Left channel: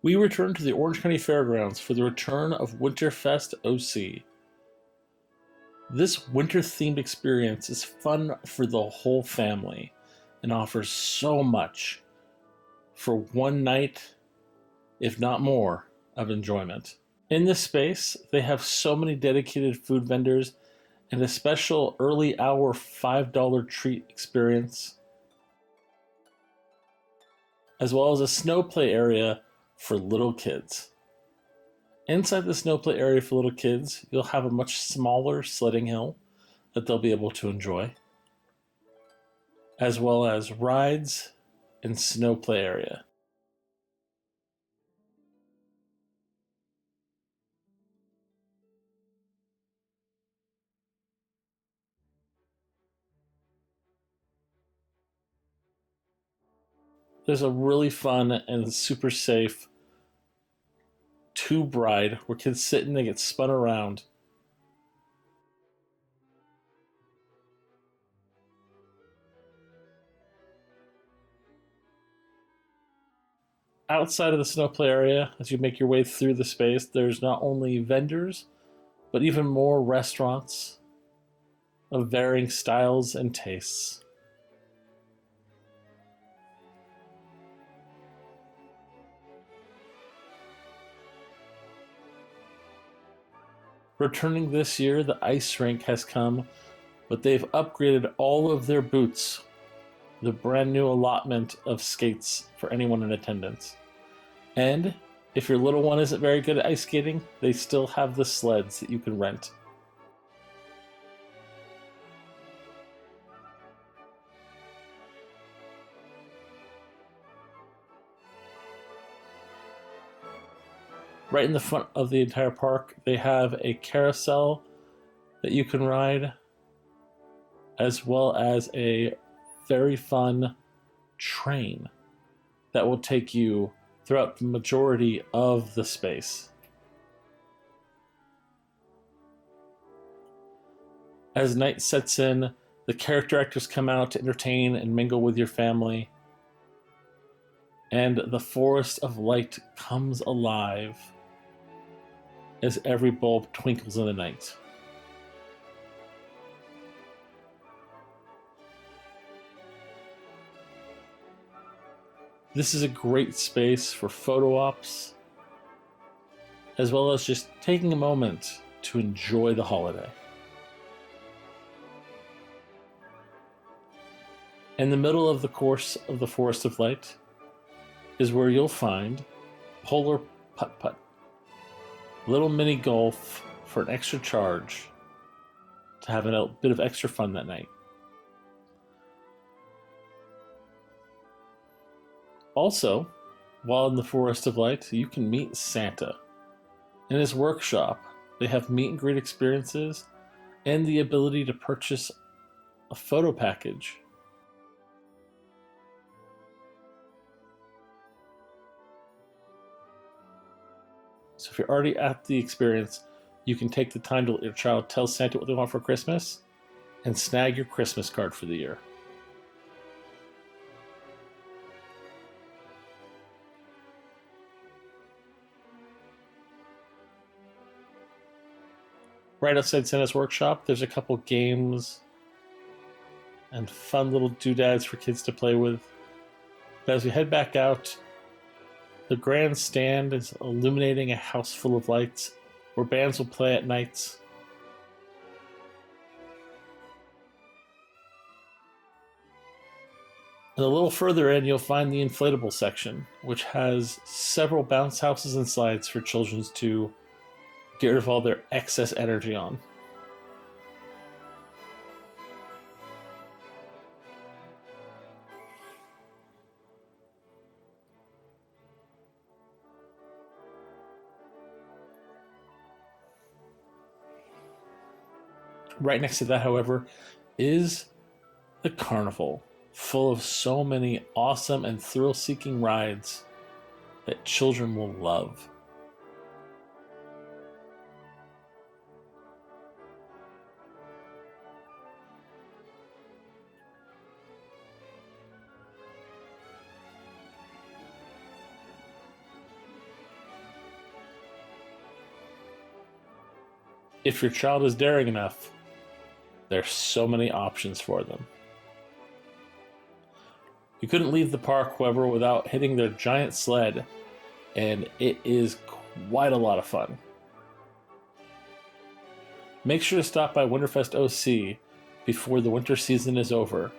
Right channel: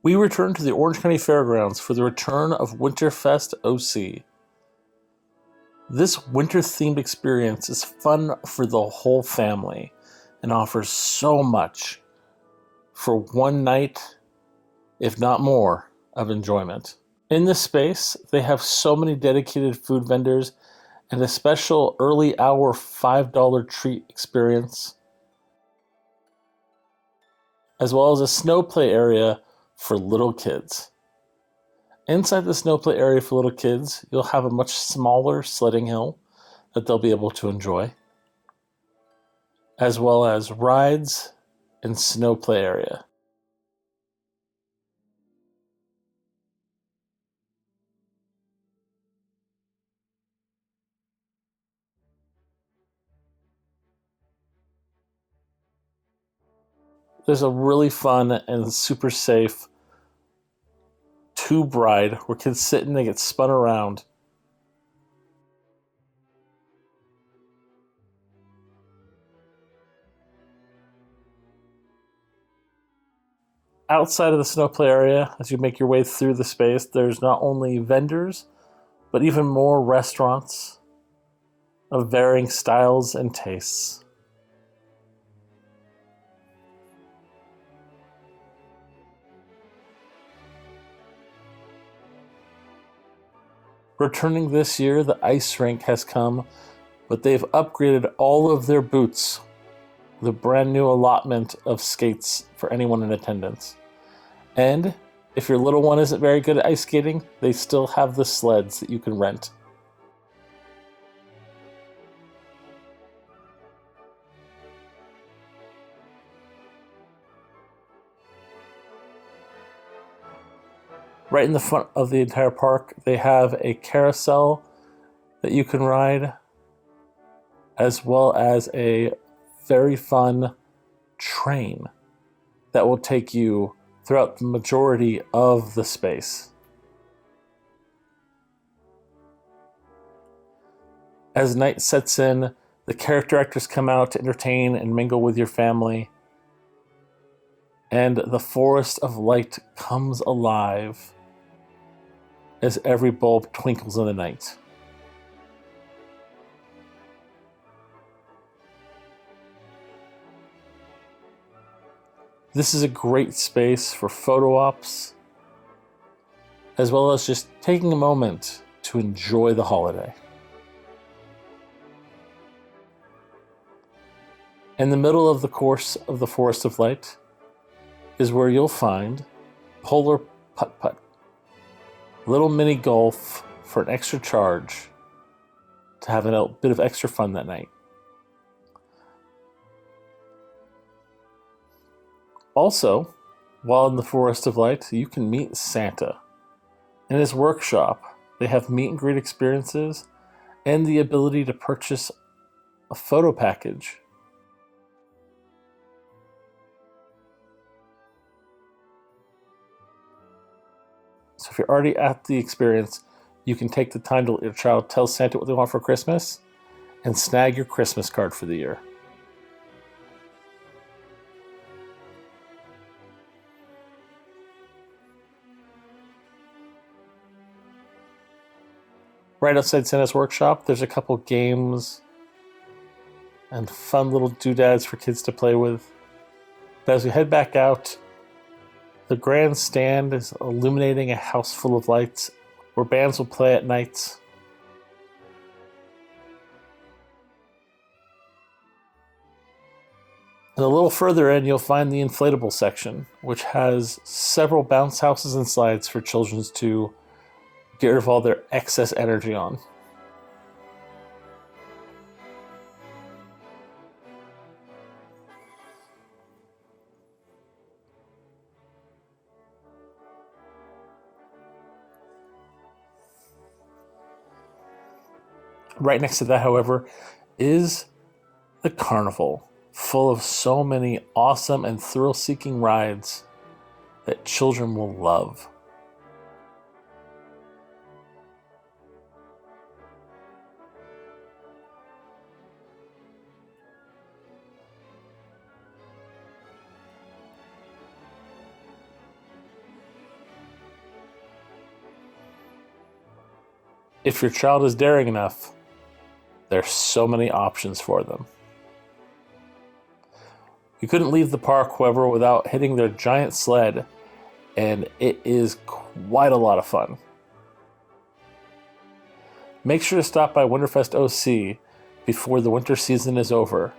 We returned to the Orange County Fairgrounds for the return of Winterfest OC. This winter-themed experience is fun for the whole family and offers so much for one night, if not more, of enjoyment. In this space, they have so many dedicated food vendors and a special early hour $5 treat experience, as well as a snow play area for little kids. Inside the snow play area for little kids, you'll have a much smaller sledding hill that they'll be able to enjoy, as well as rides and snow play area. There's a really fun and super safe tube ride where kids sit and they get spun around. Outside of the snow play area, as you make your way through the space, there's not only vendors, but even more restaurants of varying styles and tastes. Returning this year, the ice rink has come, but they've upgraded all of their booths with a brand new allotment of skates for anyone in attendance. And if your little one isn't very good at ice skating, they still have the sleds that you can rent. Right in the front of the entire park, they have a carousel that you can ride, as well as a very fun train that will take you throughout the majority of the space. As night sets in, the character actors come out to entertain and mingle with your family, and the Forest of Light comes alive as every bulb twinkles in the night. This is a great space for photo ops, as well as just taking a moment to enjoy the holiday. In the middle of the course of the Forest of Light is where you'll find Polar Putt Putt, little mini golf for an extra charge to have a bit of extra fun that night. Also, while in the Forest of Light, you can meet Santa. In his workshop, they have meet and greet experiences and the ability to purchase a photo package. So if you're already at the experience, you can take the time to let your child tell Santa what they want for Christmas and snag your Christmas card for the year. Right outside Santa's workshop, there's a couple games and fun little doodads for kids to play with. But as we head back out, the grandstand is illuminating a house full of lights where bands will play at nights. And a little further in, you'll find the inflatable section, which has several bounce houses and slides for children to get rid of all their excess energy on. Right next to that, however, is the Carnival, full of so many awesome and thrill-seeking rides that children will love. If your child is daring enough, there's so many options for them. We couldn't leave the park, however, without hitting their giant sled, and it is quite a lot of fun. Make sure to stop by Winterfest OC before the winter season is over